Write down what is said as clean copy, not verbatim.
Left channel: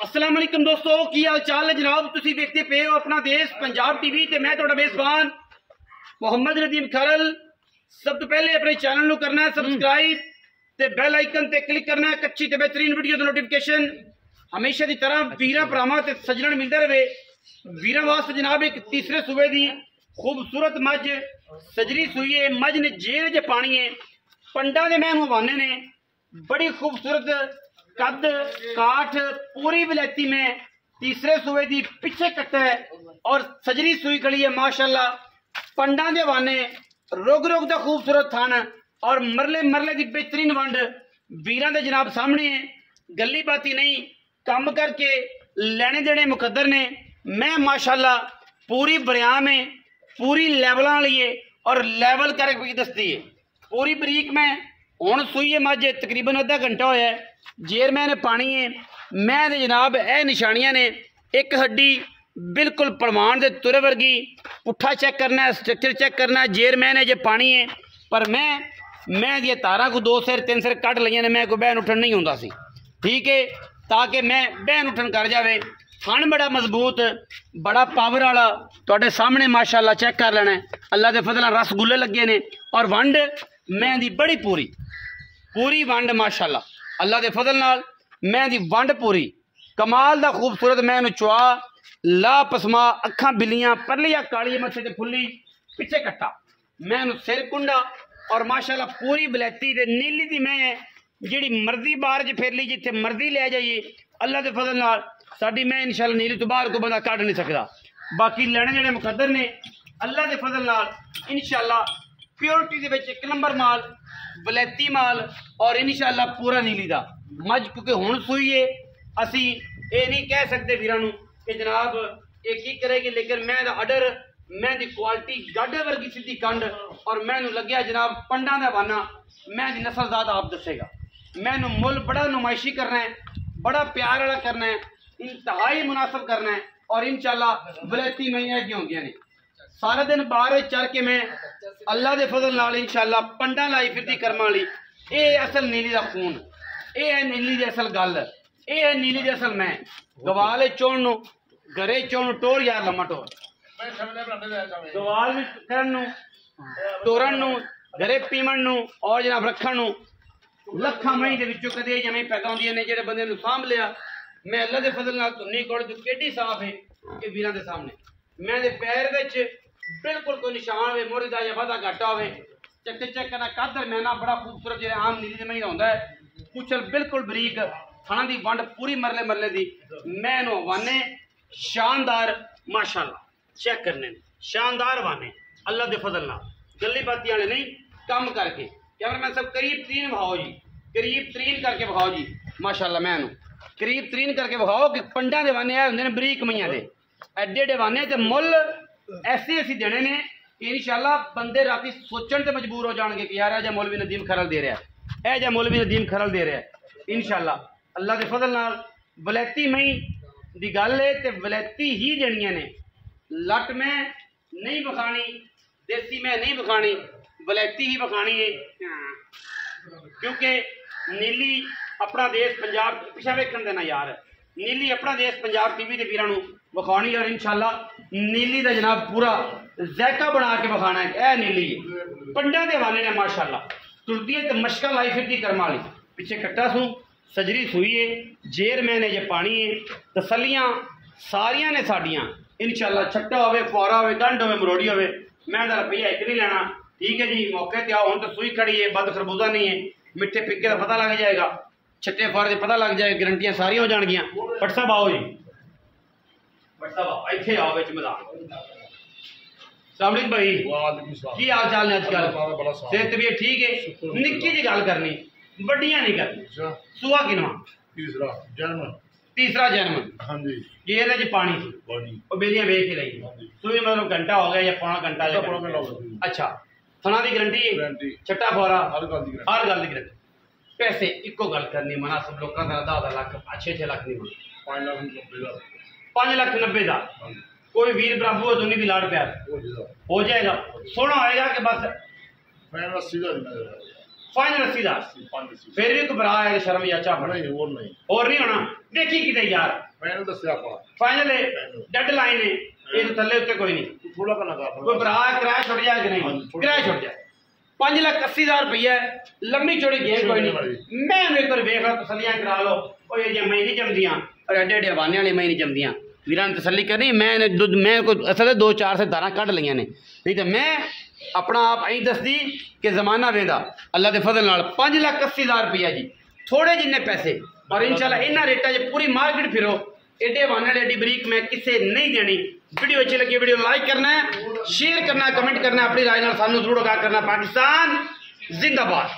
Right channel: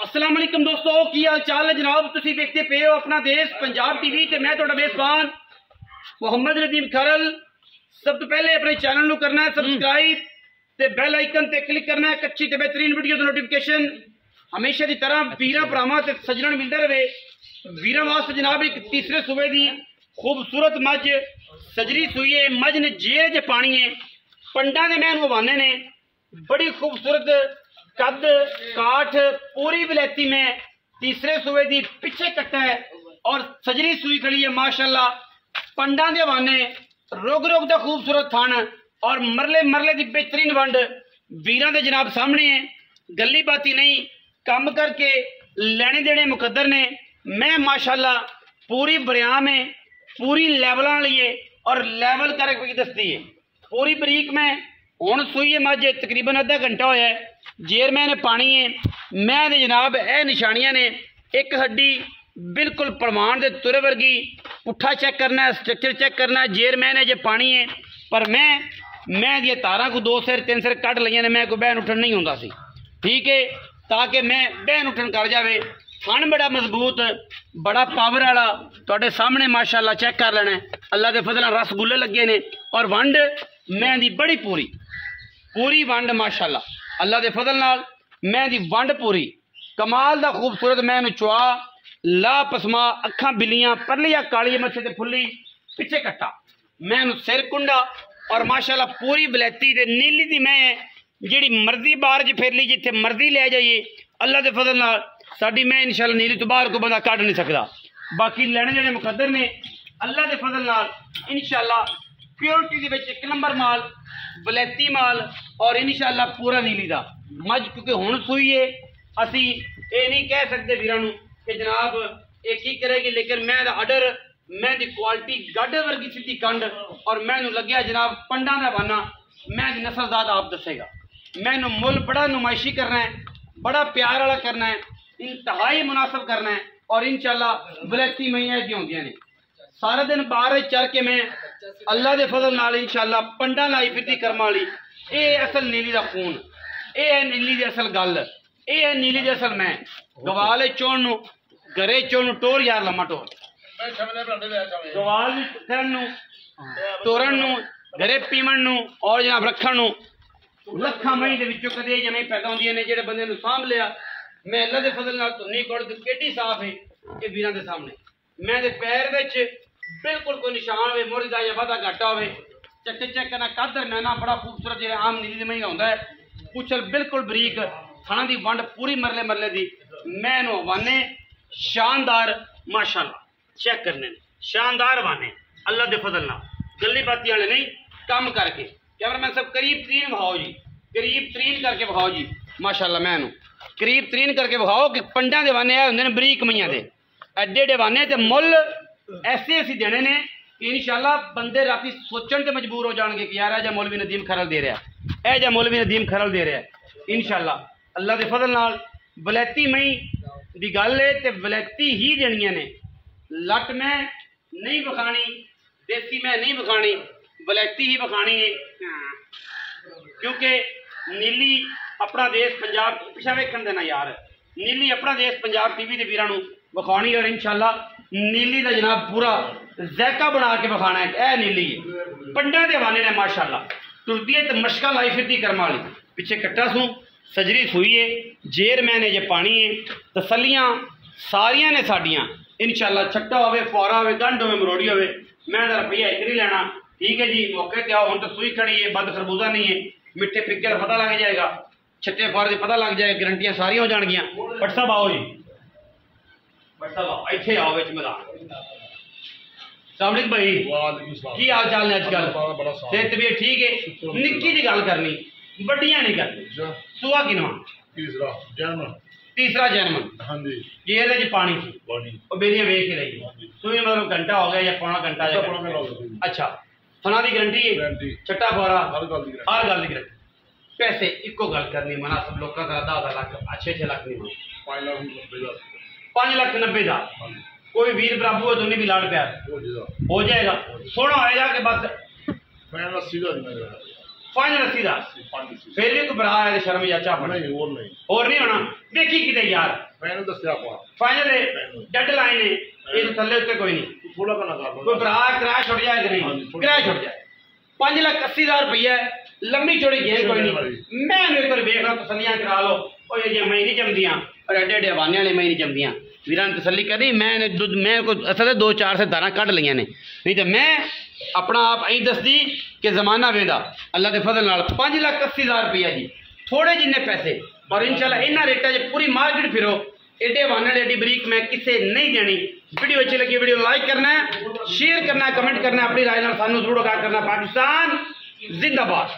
अस्सलाम वालेकुम दोस्तों, की हाल चाल है जनाब। तुसी देखते पे हो अपना देश पंजाब टीवी ते मैं तुहाडा मेज़बान मोहम्मद नदीम खरल। सब तो पहले अपने चैनल नू करना है सबसक्राइब ते बेल आइकन ते क्लिक करना है अच्छी ते बेहतरीन वीडियो दी नोटिफिकेशन हमेशा की तरह वीरां भरावां ते सज्जणां मिलदा रहे। वीरां वास्ते जनाब एक तीसरे सूबे दी खूबसूरत मझ सजरी सूई है। मझ ने जेर च पानी है, पंडा दे मैं हवाने ने बड़ी खूबसूरत कद काठ पूरी विलायती में तीसरे सूबे दी पिछे कट्टा है और सजरी सूई खड़ी है माशाल्लाह। पंडा दे हवाने रुग रुग दा खूबसूरत थान और मरले मरले दी बेहतरीन वंड वीरां दे जनाब सामने है। गली बाती नहीं, कम करके लेने देने मुकद्दर ने। मैं माशाल्लाह पूरी बरियाम है, पूरी लेवल लिए और लेवल करके दसती है पूरी बरीक में। हुण सूई है मझ तकरीबन अद्धा घंटा होया है। जेर मैंने पानी है मैं जनाब ए निशानियां ने एक हड्डी बिल्कुल परवान दे तुरे वर्गी। पुट्ठा चेक करना है, स्ट्रक्चर चेक करना है। जेर मैंने जे पानी है पर मैं दिया तारा को 2 सिर 3 सिर कट लिया ने। मैं कोई बहन उठन नहीं होंदा सी, ठीक है, ताकि मैं बहन उठन कर जावे। थन बड़ा मजबूत, बड़ा पावर वाला तुहाडे सामने माशाल्लाह चेक कर लेना है। अल्लाह के फजल रसगुल्ले लगे ने और वंड मैं दी बड़ी पूरी वंड माशाल्लाह। अल्लाह के फजल नाल मैं दी वंड पूरी कमाल दा खूबसूरत। मैं चुआ ला पसमा अखा बिल्लियां परलिया काली मथे ते फुल्ली पिछे कट्टा। मैं सिर कुंडा और माशाल्लाह पूरी बलैती ते नीली दी मैं जिहड़ी मर्जी बाहर च फिर ली जिथे मर्जी ले जाइए। अल्लाह के फजल नाल साडी मैं इंशाल्लाह नीली तो बाहर को बंदा कढ़ नहीं सकता। बाकी लेने देने मुकद्दर ने अल्लाह के फजल नाल इंशाल्लाह। प्योरिटी दे विच एक नंबर माल, वलैती माल और इंशाल्लाह पूरा नीली दा मझ। क्योंकि हुण सूई है, असी ये नहीं कह सकते वीरां नूं कि जनाब ये की करेगी, लेकिन मैं अडर मैं दी क्वालिटी गढ़ वर्गी सीधी कंड और मैनू लग्या जनाब पंडा दा बाना। मैं दी नस्लजात आप दसेगा। मैनू मुल बड़ा नुमाइशी करना है, बड़ा प्यार वाला करना है, इंतहाई मुनासिब करना है और इंशाल्लाह वलैती मैयां दी होंदियां ने। सारा दिन बाहर चर के मैं अल्लाह के फजल नाल इंशाल्लाह पंडा लाई फिरती कर्मा वाली। ये असल नीली का खून, ये है नीली की असल गल, ये है नीली की असल मैं। गवाल चोण नू घरे चोण टोर यार लम्मा टोर गवाल करन तोरण नू घरे पीवण नू और जनाब रखण नू लखा मई दे विचों कदे जमे पैदा होंदियां ने। जेड़े बंदे नू सांभ लिया मैं अल्लाह के फजल नाल धुन्नी कोड़ तू केडी साफ है कि वीरां दे सामने मैं दे पैर विच बिल्कुल कोई निशान हो मोरी का या वाधा घाटा हो चेक करना। कादर मैना बड़ा खूबसूरत जो आम नीली महीना होता है। पुछल बिल्कुल बरीक, थाना की वंड पूरी मरले मरले की। मैं वाने शानदार माशाल्लाह चेक करने ने शानदार वाने अल्लाह के फजल ना। गली बाती वाले नहीं, कम करके कैमरामैन सब करीब तरीन बहाओ जी, करीब तरीन करके बहाओ जी माशाल्लाह। मैं करीब तरीन करके बहाओ कि पंडा के वाने आए होंगे ने बरीक मईया के एडे एडे वाने ते मुल ऐसे असी देने ने कि इंशाल्लाह बंदे राती सोचण ते मजबूर हो जाएंगे कि यार ऐजा मौलवी नदीम खरल दे रहा है, ऐजा मौलवी नदीम खरल दे रहा है। इंशाल्लाह अल्लाह के फजल नाल वलैती मई दी गल है ते वलैती ही देनियां ने। लट मैं नहीं बखानी, देसी मैं नहीं बखानी, वलैती ही बखानी है। क्योंकि नीली अपना देश पंजाब पिछा वेखण देना यार, नीली अपना देश पंजाब टीवी के वीरां नूं विखानी और इंशाल्लाह नीली का जनाब पूरा जैका बना के विखाना है। यह नीली है पंडा के हवाले ने माशाल्लाह तुरती है तो मशका लाई फिरती कर्मा वाली। पिछे कट्टा सूं सजरी सूई है, जेर मैंने जे पानी है, तसलियां सारियां ने साडियां इंशाल्लाह। छट्टा होवे, फुआरा होवे, गंढ होवे, मरोड़ी होवे, मैं रुपया एक नहीं लेना, ठीक है जी। मौके ते आओ, हुण तो सूई खड़ी है, बद खरबूजा नहीं है, मिठे फिक्के का पता लग जाएगा, छट्टे फुआरे का पता लग जाएगा, गारंटियां सारियां हो जाएगियां। बट साहब आओ जी, बट साहब इत्थे आओ विच मैदान। सामरिक भाई की हाल चाल ने अजकल? सेहत तबीयत ठीक है? निक्की जी गल करनी, बड़ियां नहीं करनी। सुआ किनवा? तीसरा जन्म। हाँ जी। जेर च पानी और बेलियां वेख ही रही सूई मतलब घंटा हो गया या पौना घंटा या अच्छा। फना की गारंटी है, छट्टा फौरा हर गल की गारंटी। पैसे इको गल करनी मुनासिब लोगों का 10 लाख 6 लाख नहीं, 5 लाख 90 हज़ार। कोई वीर बराबू है तो भी लाड़ प्यार हो जाएगा, सोना होएगा कि बस फाइनल 80,000। फिर भी घबरा है शर्म या चाह और नहीं होना। देखी किते यार ਮੈਨੂੰ ਦੱਸਿਆ ਆਪਾਂ फाइनल है, डेडलाइन है, ये तो थल्ले उत्ते कोई नहीं, ਥੋੜਾ ਕਰਨਾ ਕਰ कोई भरा किराया छुट जाए कि नहीं, किराया छुट जाए। 5,80,000 रुपया है, लंबी चौड़ी गेम कोई नहीं। मैं एक बार देख लो, तसलियां करा लो, और ये मई नहीं जमदियां और एडे एडे हवाने वाले मई नहीं जमदियां। वीरां ने तसल्ली करनी, मैं को असल 2-4 से धारा कढ़ लिया ने, नहीं तो मैं अपना आप अं दसदी कि जमाना वेंदा अल्लाह के फजल नाल। 5,80,000 रुपया जी, थोड़े जिन्ने पैसे, और इंशाल्लाह इन्हां रेटां 'च पूरी मार्केट फिरो। एडे हवाने वाले एडी बरीक मैं किसे नहीं देनी। वीडियो अच्छी लगी, वीडियो लाइक करना है, शेयर करना है, कमेंट करना है, अपनी राय नाल सानू जरूर आगाह करना। पाकिस्तान जिंदाबाद।